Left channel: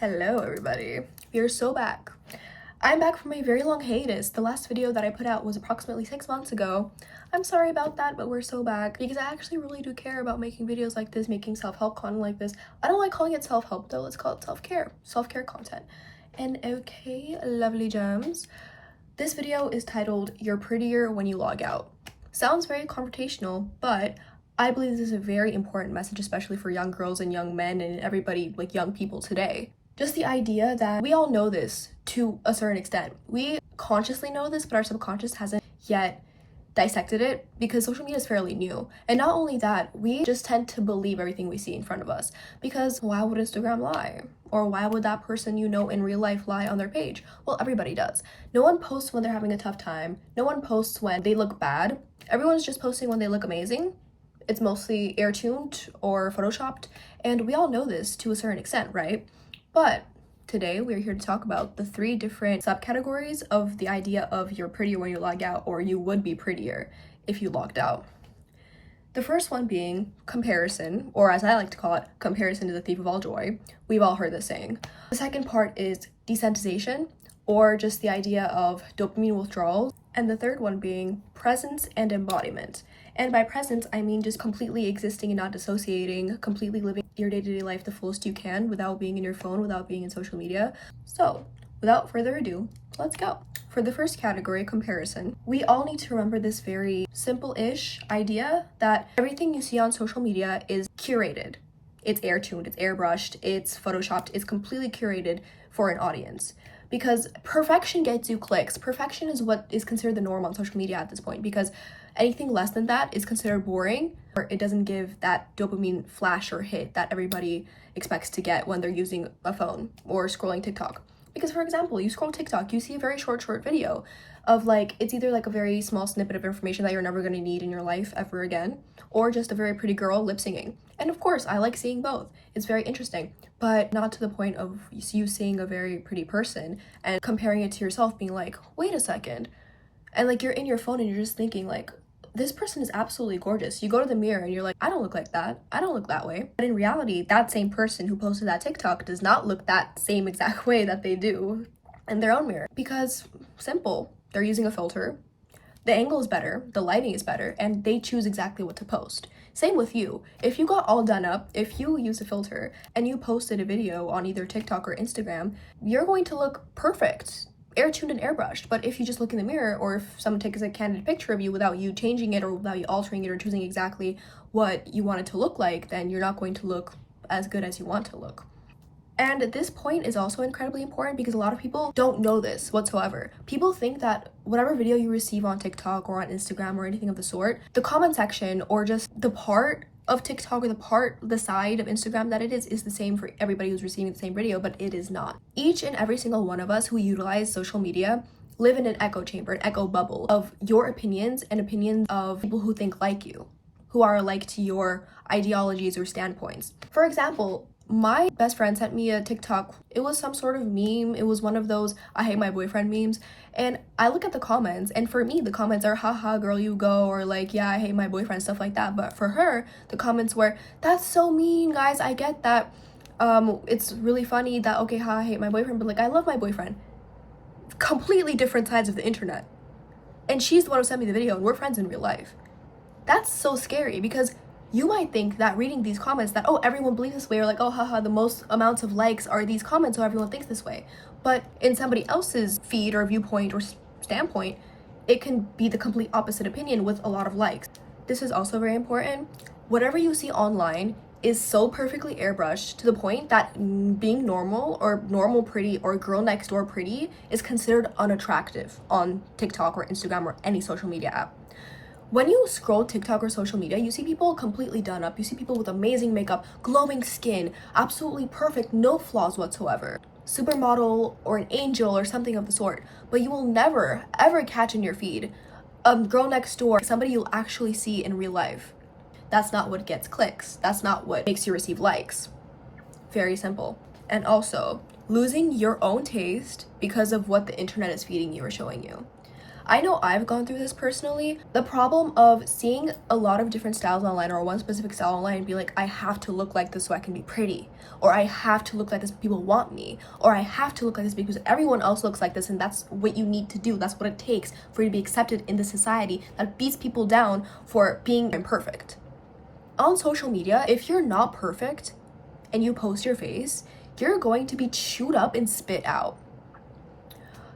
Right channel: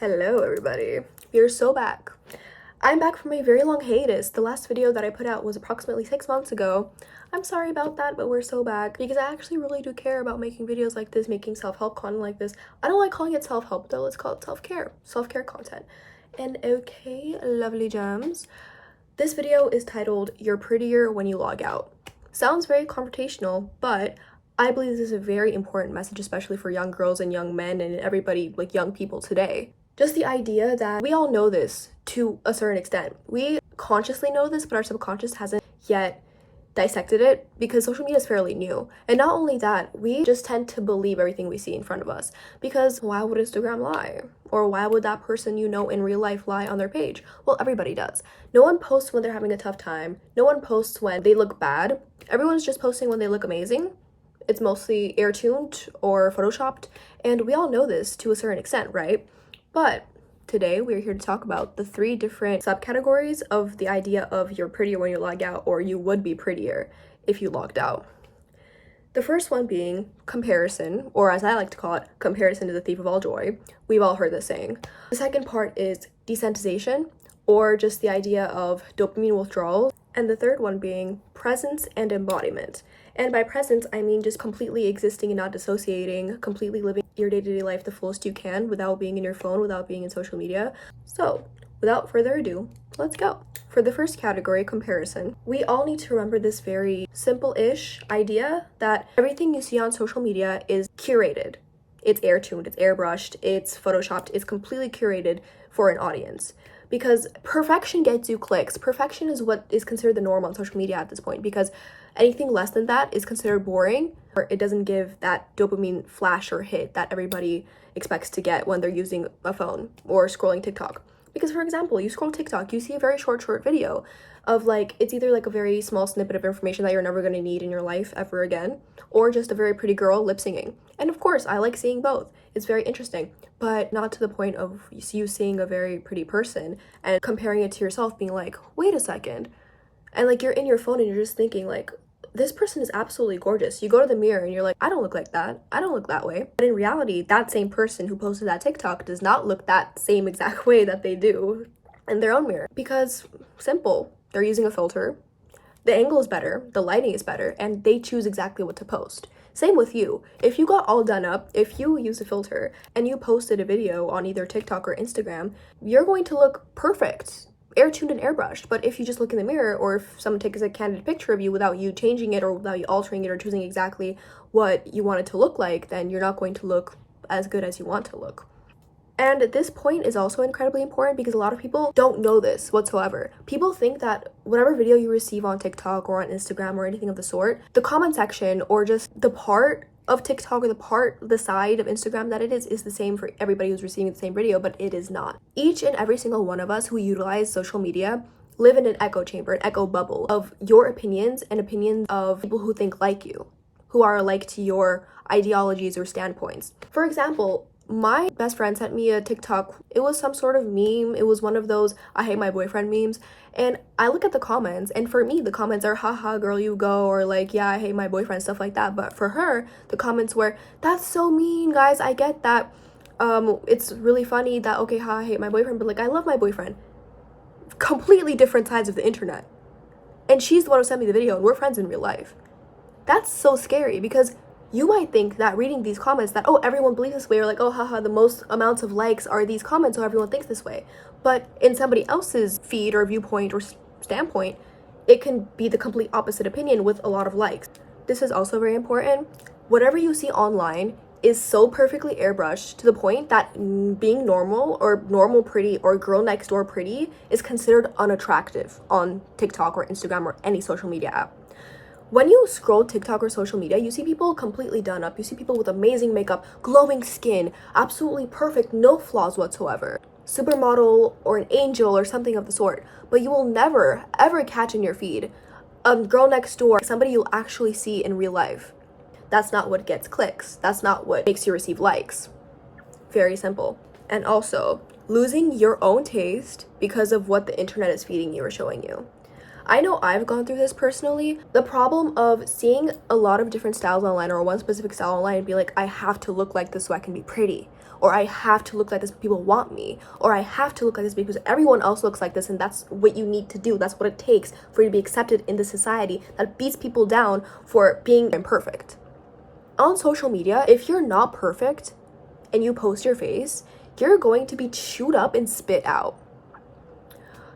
Hello everybody, we're so back. I'm back from a very long hiatus. The last video that I put out was approximately 6 months ago. I'm sorry about that, but we're so back because I actually really do care about making videos like this, making self-help content like this. I don't like calling it self-help though, let's call it self-care content. And okay, lovely gems, this video is titled "You're Prettier When You Log Out." Sounds very confrontational, but I believe this is a very important message, especially for young girls and young men and everybody, like young people today. Just the idea that we all know this to a certain extent. We consciously know this, but our subconscious hasn't yet dissected it because social media is fairly new. And not only that, we just tend to believe everything we see in front of us because why would Instagram lie? Or why would that person you know in real life lie on their page? Well, everybody does. No one posts when they're having a tough time. No one posts when they look bad. Everyone's just posting when they look amazing. It's mostly air-tuned or photoshopped, and we all know this to a certain extent, right? But today we're here to talk about the 3 different subcategories of the idea of you're prettier when you log out, or you would be prettier if you logged out. The first one being comparison, or as I like to call it, comparison is the thief of all joy. We've all heard this saying. The second part is desensitization, or just the idea of dopamine withdrawals. And the third one being presence and embodiment. And by presence, I mean just completely existing and not dissociating, completely living your day-to-day life the fullest you can without being in your phone, without being in social media. So, without further ado, let's go. For the first category, comparison, we all need to remember this very simple-ish idea that everything you see on social media is curated. It's air-tuned, it's airbrushed, it's photoshopped, it's completely curated for an audience. Because perfection gets you clicks. Perfection is what is considered the norm on social media at this point, because anything less than that is considered boring, or it doesn't give that dopamine flash or hit that everybody expects to get when they're using a phone or scrolling TikTok. Because for example, you scroll TikTok, you see a very short video of it's either a very small snippet of information that you're never going to need in your life ever again, or just a very pretty girl lip singing. And of course, I like seeing both. It's very interesting, but not to the point of you seeing a very pretty person and comparing it to yourself being like, wait a second. And you're in your phone and you're just thinking this person is absolutely gorgeous. You go to the mirror and you're like, I don't look like that. I don't look that way. But in reality, that same person who posted that TikTok does not look that same exact way that they do in their own mirror. Because simple, they're using a filter. The angle is better, the lighting is better, and they choose exactly what to post. Same with you. If you got all done up, if you use a filter and you posted a video on either TikTok or Instagram, you're going to look perfect, air-tuned and airbrushed. But if you just look in the mirror, or if someone takes a candid picture of you without you changing it or without you altering it or choosing exactly what you want it to look like, then you're not going to look as good as you want to look. And this point is also incredibly important because a lot of people don't know this whatsoever. People think that whatever video you receive on TikTok or on Instagram or anything of the sort, the comment section or just the part of TikTok or the side of Instagram that it is the same for everybody who's receiving the same video, but it is not. Each and every single one of us who utilize social media live in an echo chamber, an echo bubble of your opinions and opinions of people who think like you, who are alike to your ideologies or standpoints. For example, my best friend sent me a TikTok. It was some sort of meme. It was one of those I hate my boyfriend memes. And I look at the comments, and for me, the comments are, haha, girl, you go, or yeah, I hate my boyfriend, stuff like that. But for her, the comments were, that's so mean, guys, I get that. It's really funny that, okay, I hate my boyfriend, but I love my boyfriend. Completely different sides of the internet. And she's the one who sent me the video, and we're friends in real life. That's so scary because you might think that reading these comments that, oh, everyone believes this way, or oh, haha, the most amounts of likes are these comments, so everyone thinks this way. But in somebody else's feed or viewpoint or standpoint, it can be the complete opposite opinion with a lot of likes. This is also very important. Whatever you see online is so perfectly airbrushed to the point that being normal or normal pretty or girl next door pretty is considered unattractive on TikTok or Instagram or any social media app. When you scroll TikTok or social media, you see people completely done up. You see people with amazing makeup, glowing skin, absolutely perfect, no flaws whatsoever. Supermodel or an angel or something of the sort. But you will never, ever catch in your feed a girl next door, somebody you'll actually see in real life. That's not what gets clicks. That's not what makes you receive likes. Very simple. And also, losing your own taste because of what the internet is feeding you or showing you. I know I've gone through this personally. The problem of seeing a lot of different styles online or one specific style online and be like, I have to look like this so I can be pretty, or I have to look like this because people want me, or I have to look like this because everyone else looks like this and that's what you need to do. That's what it takes for you to be accepted in the society that beats people down for being imperfect. On social media, if you're not perfect and you post your face, you're going to be chewed up and spit out.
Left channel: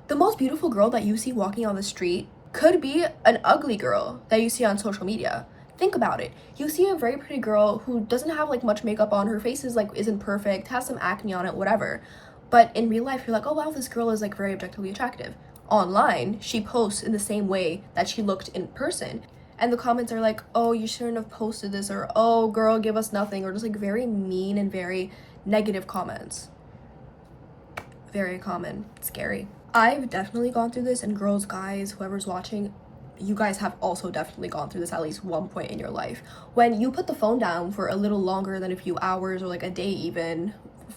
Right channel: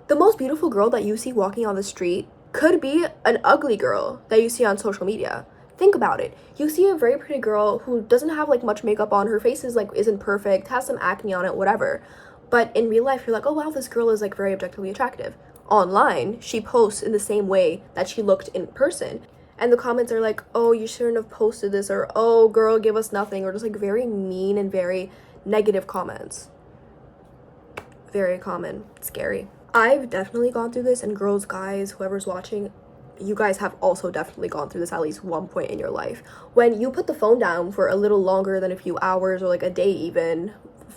The most beautiful girl that you see walking on the street could be an ugly girl that you see on social media. Think about it. You see a very pretty girl who doesn't have like much makeup on, her face is like isn't perfect, has some acne on it, whatever. But in real life, you're like, oh wow, this girl is like very objectively attractive. Online, she posts in the same way that she looked in person. And the comments are like, oh, you shouldn't have posted this, or oh, girl, give us nothing, or just like very mean and very negative comments. Very common. Scary. I've definitely gone through this, and girls, guys, whoever's watching, you guys have also definitely gone through this at least one point in your life. When you put the phone down for a little longer than a few hours or like a day even,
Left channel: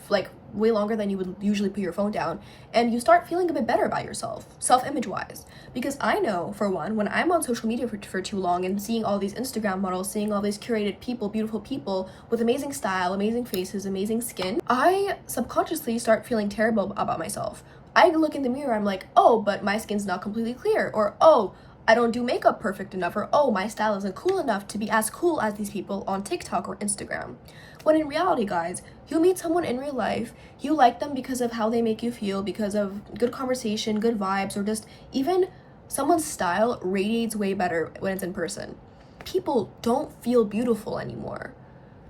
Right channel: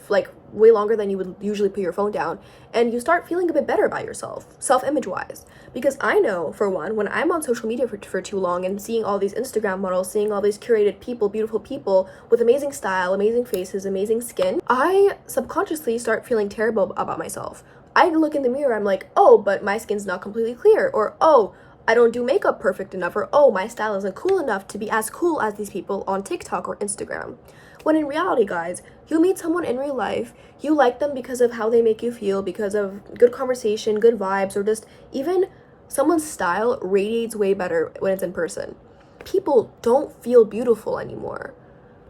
like way longer than you would usually put your phone down, and you start feeling a bit better about yourself, self-image wise. Because I know, for one, when I'm on social media for too long and seeing all these Instagram models, seeing all these curated people, beautiful people with amazing style, amazing faces, amazing skin, I subconsciously start feeling terrible about myself. I look in the mirror, I'm like, oh, but my skin's not completely clear, or oh, I don't do makeup perfect enough, or oh, my style isn't cool enough to be as cool as these people on TikTok or Instagram. When in reality, guys, you meet someone in real life, you like them because of how they make you feel, because of good conversation, good vibes, or just even someone's style radiates way better when it's in person. People don't feel beautiful anymore.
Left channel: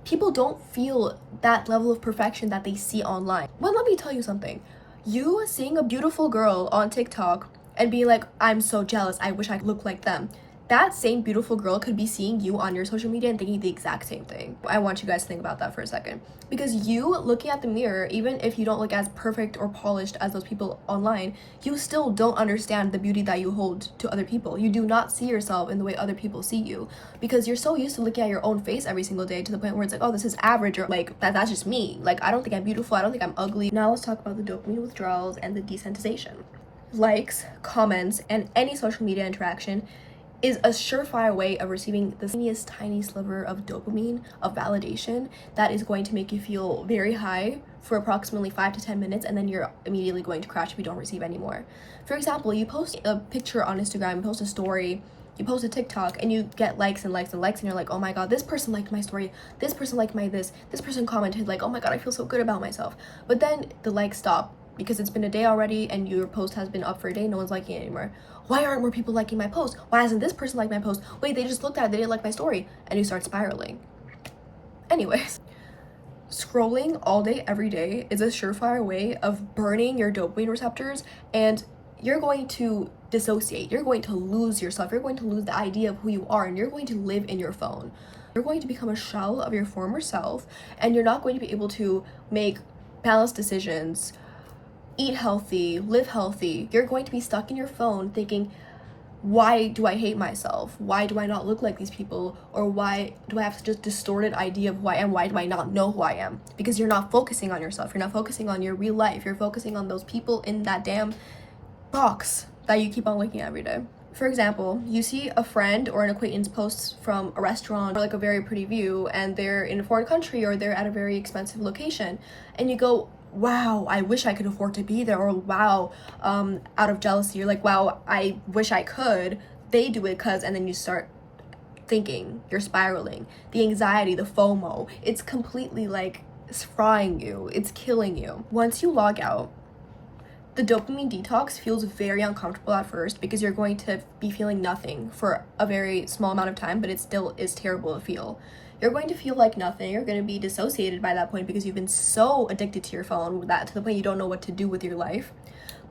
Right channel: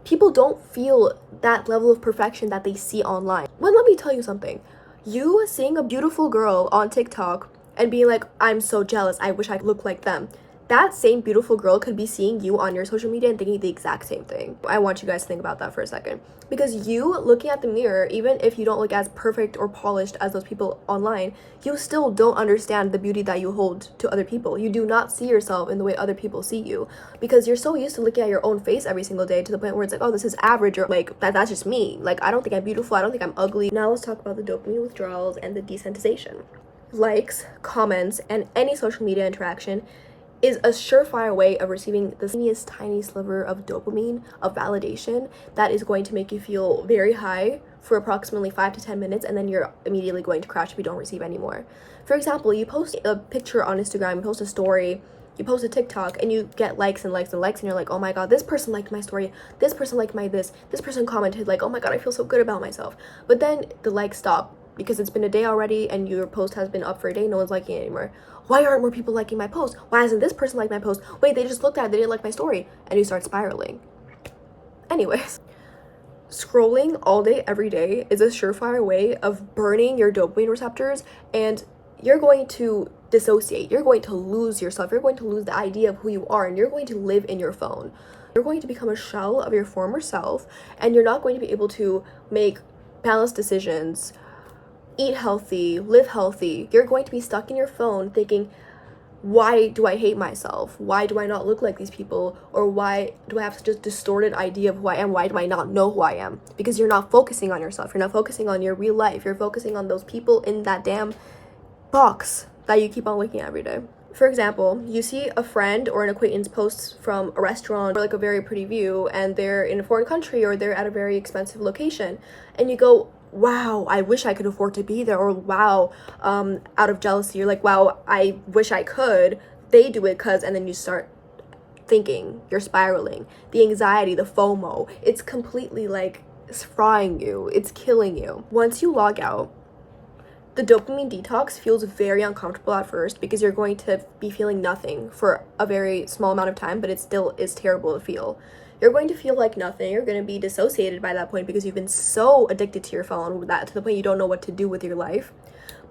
People don't feel that level of perfection that they see online. Well, let me tell you something. You seeing a beautiful girl on TikTok and being like, I'm so jealous, I wish I could look like them. That same beautiful girl could be seeing you on your social media and thinking the exact same thing. I want you guys to think about that for a second. Because you looking at the mirror, even if you don't look as perfect or polished as those people online, you still don't understand the beauty that you hold to other people. You do not see yourself in the way other people see you. Because you're so used to looking at your own face every single day to the point where it's like, oh, this is average, or like, that's just me. Like, I don't think I'm beautiful, I don't think I'm ugly. Now let's talk about the dopamine withdrawals and the desensitization. Likes, comments, and any social media interaction is a surefire way of receiving the teeniest tiny sliver of dopamine, of validation, that is going to make you feel very high for approximately 5 to 10 minutes, and then you're immediately going to crash if you don't receive any more. For example, you post a picture on Instagram, you post a story, you post a TikTok, and you get likes and likes and likes, and you're like, oh my god, this person liked my story, this person liked my this person commented, like, oh my god, I feel so good about myself. But then the likes stop because it's been a day already and your post has been up for a day, no one's liking it anymore. Why aren't more people liking my post? Why hasn't this person liked my post? Wait, they just looked at it, they didn't like my story. And you start spiraling. Anyways, scrolling all day, every day is a surefire way of burning your dopamine receptors, and you're going to dissociate. You're going to lose yourself. You're going to lose the idea of who you are, and you're going to live in your phone. You're going to become a shell of your former self, and you're not going to be able to make balanced decisions, eat healthy, live healthy. You're going to be stuck in your phone thinking, why do I hate myself? Why do I not look like these people? Or why do I have such a distorted idea of who I am? Why do I not know who I am? Because you're not focusing on yourself. You're not focusing on your real life. You're focusing on those people in that damn box that you keep on looking at every day. For example, you see a friend or an acquaintance posts from a restaurant or like a very pretty view, and they're in a foreign country or they're at a very expensive location, and you go, wow, I wish I could afford to be there, or wow, out of jealousy, you're like, wow, I wish I could, they do it cause, and then you start thinking, you're spiraling. The anxiety, the FOMO, it's completely like, it's frying you, it's killing you. Once you log out, the dopamine detox feels very uncomfortable at first because you're going to be feeling nothing for a very small amount of time, but it still is terrible to feel. You're going to feel like nothing. You're going to be dissociated by that point because you've been so addicted to your phone that to the point you don't know what to do with your life.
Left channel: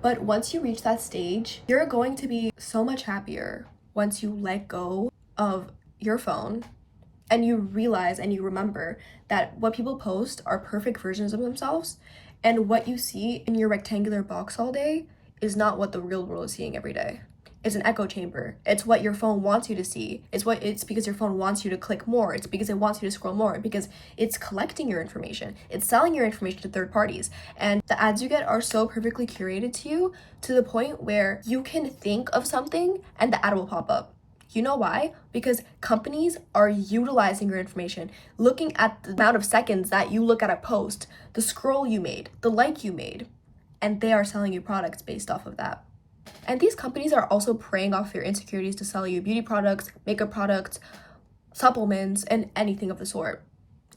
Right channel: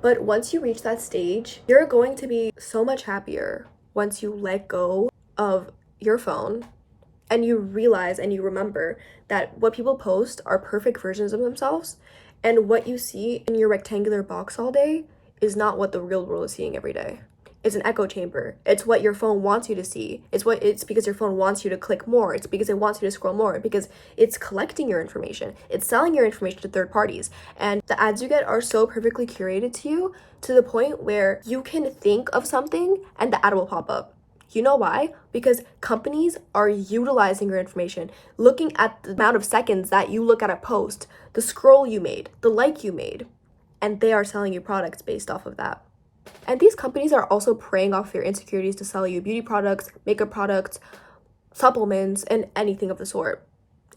But once you reach that stage, you're going to be so much happier once you let go of your phone and you realize and you remember that what people post are perfect versions of themselves, and what you see in your rectangular box all day is not what the real world is seeing every day. It's an echo chamber. It's what your phone wants you to see. It's because your phone wants you to click more. It's because it wants you to scroll more, because it's collecting your information. It's selling your information to third parties. And the ads you get are so perfectly curated to you, to the point where you can think of something and the ad will pop up. You know why? Because companies are utilizing your information, looking at the amount of seconds that you look at a post, the scroll you made, the like you made, and they are selling you products based off of that. And these companies are also preying off your insecurities to sell you beauty products, makeup products, supplements, and anything of the sort.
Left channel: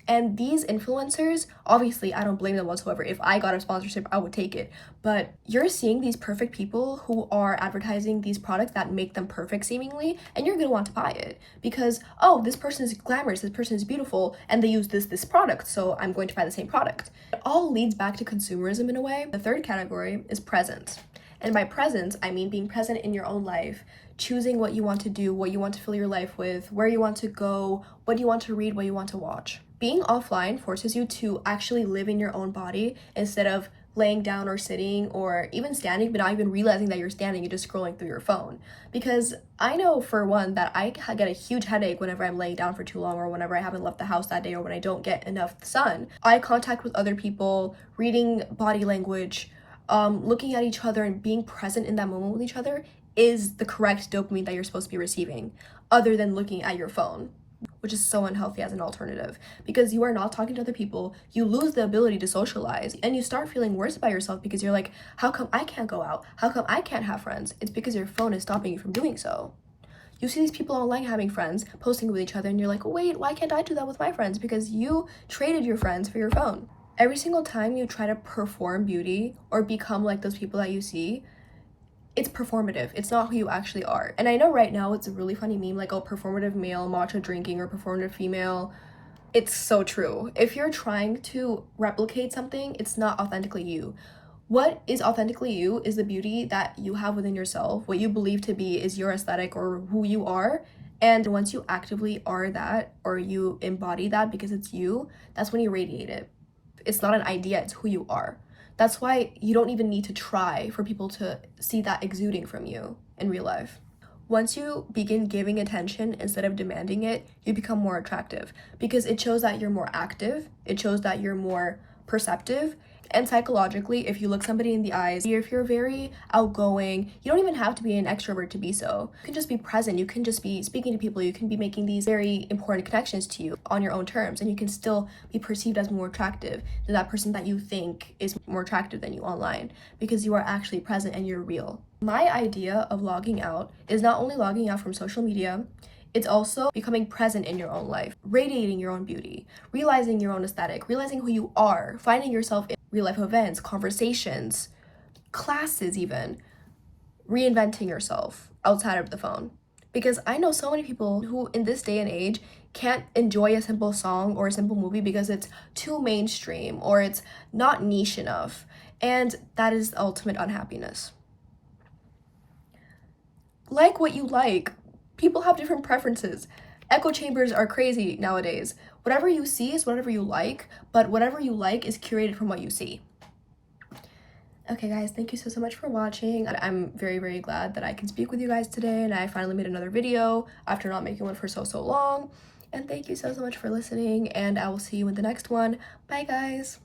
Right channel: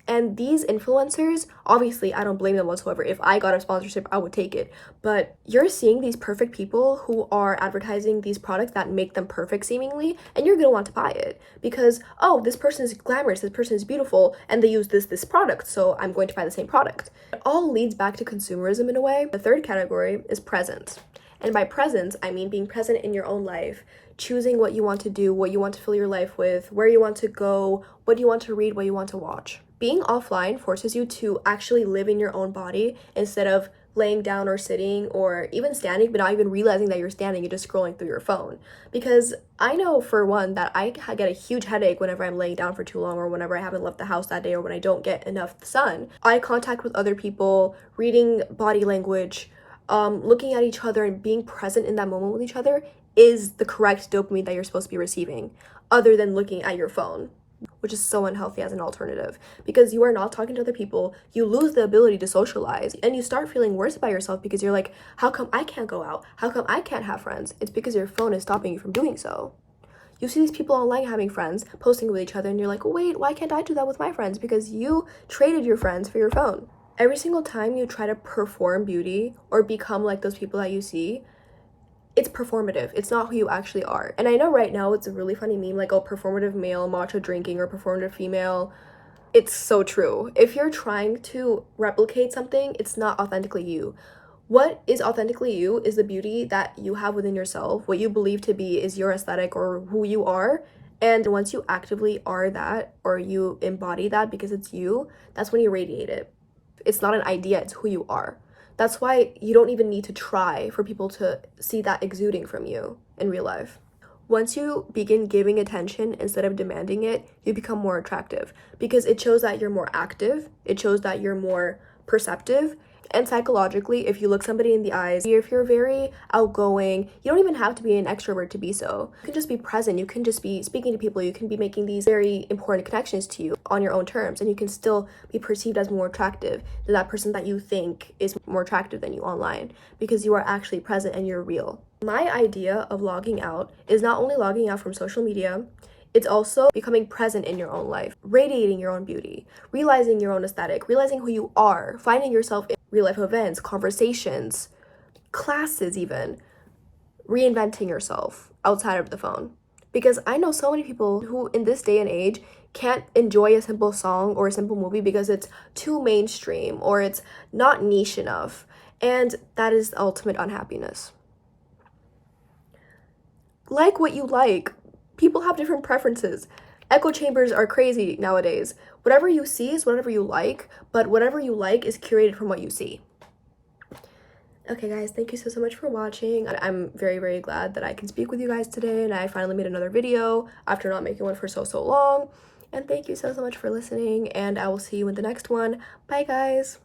And these influencers, obviously, I don't blame them whatsoever. If I got a sponsorship, I would take it. But you're seeing these perfect people who are advertising these products that make them perfect seemingly, and you're gonna want to buy it because, oh, this person is glamorous, this person is beautiful, and they use this product, so I'm going to buy the same product. It all leads back to consumerism in a way. The third category is presence. And by presence, I mean being present in your own life, choosing what you want to do, what you want to fill your life with, where you want to go, what you want to read, what you want to watch. Being offline forces you to actually live in your own body instead of laying down or sitting or even standing, but not even realizing that you're standing and just scrolling through your phone. Because I know for one that I get a huge headache whenever I'm laying down for too long, or whenever I haven't left the house that day, or when I don't get enough sun. Eye contact with other people, reading body language, looking at each other and being present in that moment with each other is the correct dopamine that you're supposed to be receiving, other than looking at your phone, which is so unhealthy as an alternative, because you are not talking to other people. You lose the ability to socialize, and you start feeling worse about yourself because you're like, how come I can't go out? How come I can't have friends? It's because your phone is stopping you from doing so. You see these people online having friends, posting with each other, and you're like, wait, why can't I do that with my friends? Because you traded your friends for your phone. Every single time you try to perform beauty or become like those people that you see, it's performative. It's not who you actually are. And I know right now it's a really funny meme, like, oh, performative male matcha drinking or performative female. It's so true. If you're trying to replicate something, it's not authentically you. What is authentically you is the beauty that you have within yourself, what you believe to be is your aesthetic or who you are. And once you actively are that, or you embody that because it's you, that's when you radiate it. It's not an idea, it's who you are. That's why you don't even need to try for people to see that exuding from you in real life. Once you begin giving attention instead of demanding it, you become more attractive because it shows that you're more active, it shows that you're more perceptive. And psychologically, if you look somebody in the eyes, if you're very outgoing, you don't even have to be an extrovert to be so. You can just be present, you can just be speaking to people, you can be making these very important connections to you on your own terms, and you can still be perceived as more attractive than that person that you think is more attractive than you online, because you are actually present and you're real. My idea of logging out is not only logging out from social media, it's also becoming present in your own life, radiating your own beauty, realizing your own aesthetic, realizing who you are, finding yourself in real life events, conversations, classes even, reinventing yourself outside of the phone. Because I know so many people who in this day and age can't enjoy a simple song or a simple movie because it's too mainstream or it's not niche enough. And that is the ultimate unhappiness. Like what you like. People have different preferences. Echo chambers are crazy nowadays. Whatever you see is whatever you like, but whatever you like is curated from what you see. Okay guys, thank you so much for watching. I'm very, very glad that I can speak with you guys today, and I finally made another video after not making one for so long. And thank you so much for listening, and I will see you in the next one. Bye guys.